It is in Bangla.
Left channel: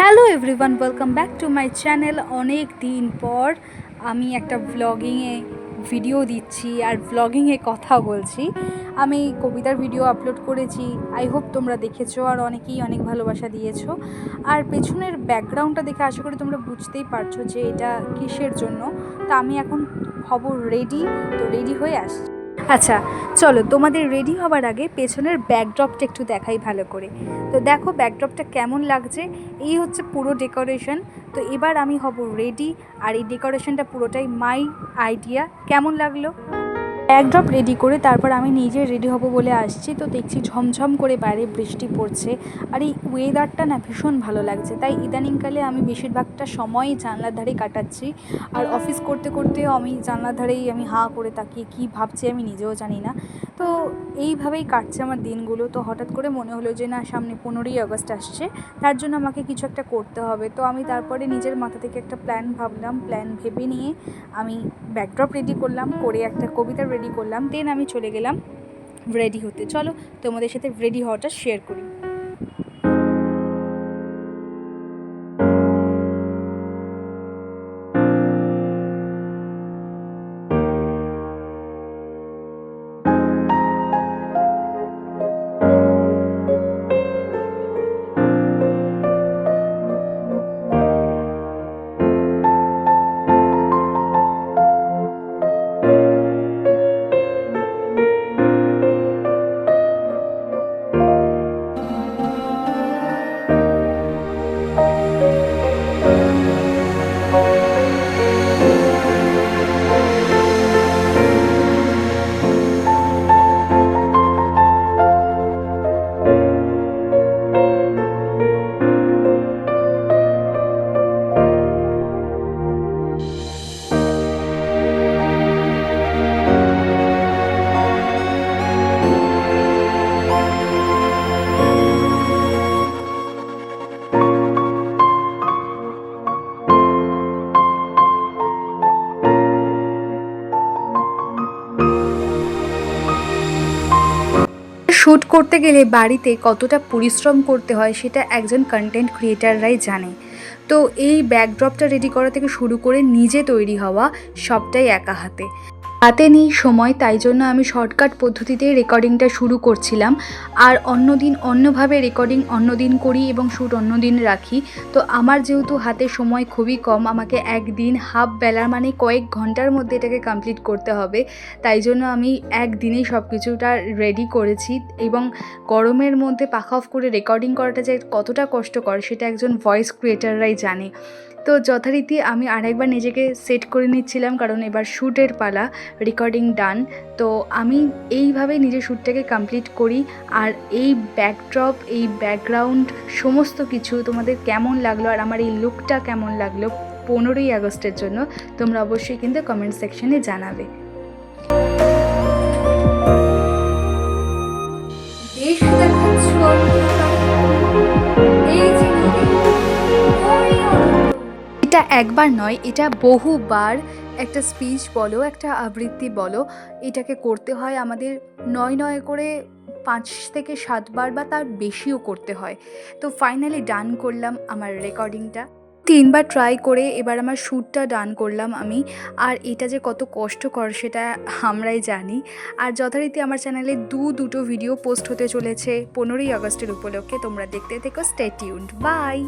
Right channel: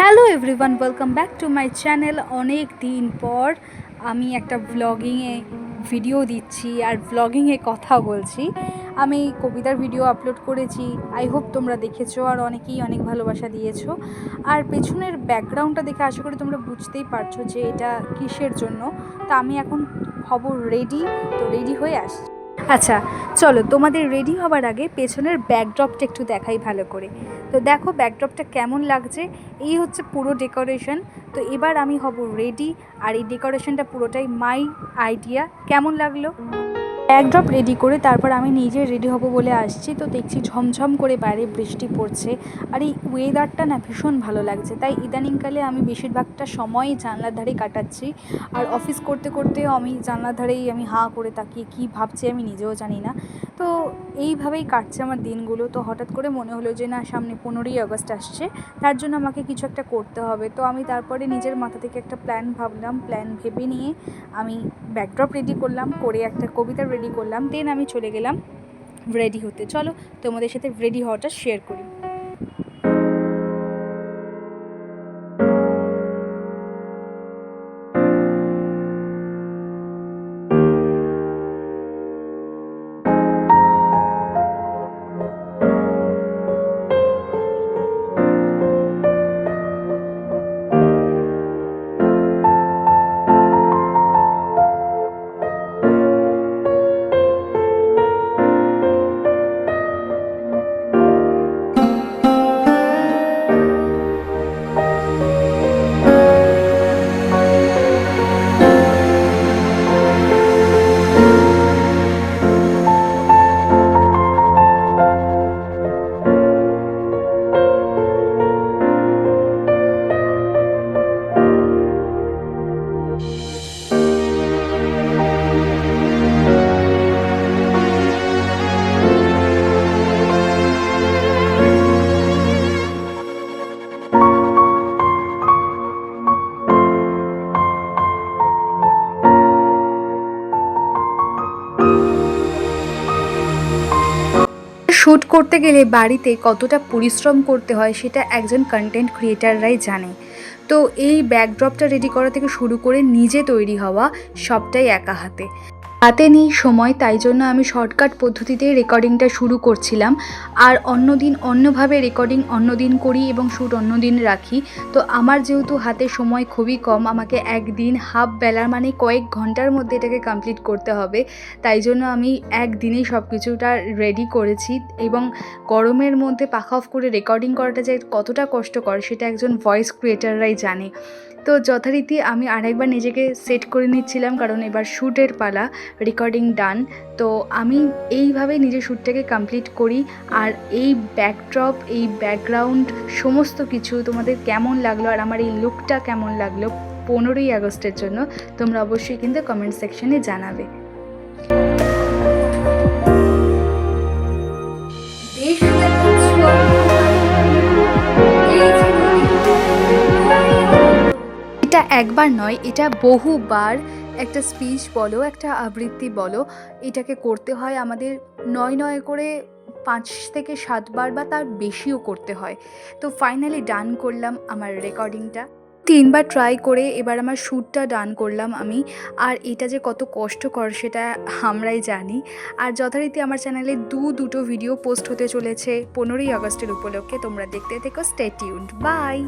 Hello everyone, welcome back to my channel. অনেক দিন পর আমি একটা ভ্লগিংয়ে ভিডিও দিচ্ছি আর ভ্লগিংয়ে কথা বলছি। আমি কবিতার ভিডিও আপলোড করেছি, আই হোপ তোমরা দেখেছো আর অনেকেই অনেক ভালোবাসা দিয়েছো। আর পেছনের ব্যাকগ্রাউন্ডটা দেখে আশা করি তোমরা বুঝতেই পারছো যে এটা কিসের জন্য। তা আমি এখন হব রেডি, তো রেডি হয়ে আসছি। আচ্ছা চলো, তোমাদের রেডি হবার আগে পেছনের ব্যাকড্রপটা একটু দেখাই ভালো করে। তো দেখো ব্যাকড্রপটা কেমন লাগছে, এই হচ্ছে পুরো ডেকোরেশন। তো এবার আমি হব রেডি, আর এই ডেকোরেশনটা পুরোটাই মাই আইডিয়া। কেমন লাগলো? ব্যাকড্রপ রেডি করে তারপর আমি নিজে রেডি হব বলে আসছি। তো দেখছি ঝমঝম করে বাইরে বৃষ্টি পড়ছে, আর এই ওয়েদারটা না ভীষণ ভালো লাগছে। তাই ইদানিংকালে আমি বেশিরভাগটা সময় জানলার ধারে কাটাচ্ছি। আর অফিস করতে করতেও আমি জানলার ধারেই আমি হাঁ করে তাকিয়ে কী ভাবছি আমি নিজেও জানি না। তো এইভাবেই কাটছে আমার দিনগুলো। তো হঠাৎ করে মনে হলো যে না, সামনে 15ই আগস্ট আসছে, তার জন্য আমাকে কিছু একটা করতে হবে। তো আমি তারপরে নিজের মাথা থেকে একটা প্ল্যান ভাবলাম, প্ল্যান ভেবে নিয়ে আমি ব্যাকড্রপ রেডি করলাম, করে একটা কবিতা রেডি করলাম, দেন আমি চলে গেলাম রেডি হতে। চলো তোমাদের সাথে রেডি হওয়াটা শেয়ার করি। শ্যুট করতে গেলে বাড়িতে কতটা পরিশ্রম করতে হয় সেটা একজন কন্টেন্ট ক্রিয়েটাররাই জানে। তো এই ব্যাকড্রপটা রেডি করা থেকে শুরু করে নিজে তৈরি হওয়া সবটাই একা হাতে নেই সময়, তাই জন্য আমি শর্টকাট পদ্ধতিতে রেকর্ডিংটা শুরু করছিলাম। আর অন্য দিন অন্যভাবে রেকর্ডিং অন্য দিন করি এবং শ্যুট অন্য দিন রাখি। তো আমার যেহেতু হাতে সময় খুবই কম, আমাকে একদিন হাফ বেলার মানে কয়েক ঘন্টার মধ্যে এটাকে কমপ্লিট করতে হবে, তাই জন্য আমি একদিনেই সব কিছুটা রেডি করেছি। এবং গরমের মধ্যে পাখা অফ করে রেকর্ডিং করাটা যে কতটা কষ্টকর সেটা একজন ভয়েস ক্রিয়েটাররাই জানে। তো যথারীতি আমি আরেকবার নিজেকে সেট করে নিচ্ছিলাম, কারণ এবার শ্যুটের পালা, রেকর্ডিং ডান। তো আমি এইভাবেই নিজের শ্যুটটাকে কমপ্লিট করি। আর এই ব্যাকড্রপ, এই ব্যাকগ্রাউন্ড, সমস্ত কিছু তোমাদের কেমন লাগলো আর আমার এই লুকটা কেমন লাগলো 15ই আগস্টের জন্য তোমরা অবশ্যই কিন্তু কমেন্ট সেকশনে জানাবে। দেশ দেখাচ্ছ এই যে নদী, এটা একবার নয়, এটা বহুবার একটা স্পিচ বলো, একটা আবৃত্তি বলো, এটাকে করতে হয় আমাদের 9 করে 5 থেকে 7 বার বা তার বেশিও করতে হয়। তো ফাইনালি ডান করলাম আমার রেকর্ডিংটা 3বার ট্রাই করে, এবার আমার শ্যুটটা ডান করলাম আমি। আর এটা যে কত কষ্টকর সেটা আমরাই জানি। আর যথারীতি আমার চ্যানেলে দুটো ভিডিও পোস্ট হতে চলেছে 15ই আগস্টের উপলক্ষে। তোমরা দেখতে থেকো, স্টে টিউনড, বাই।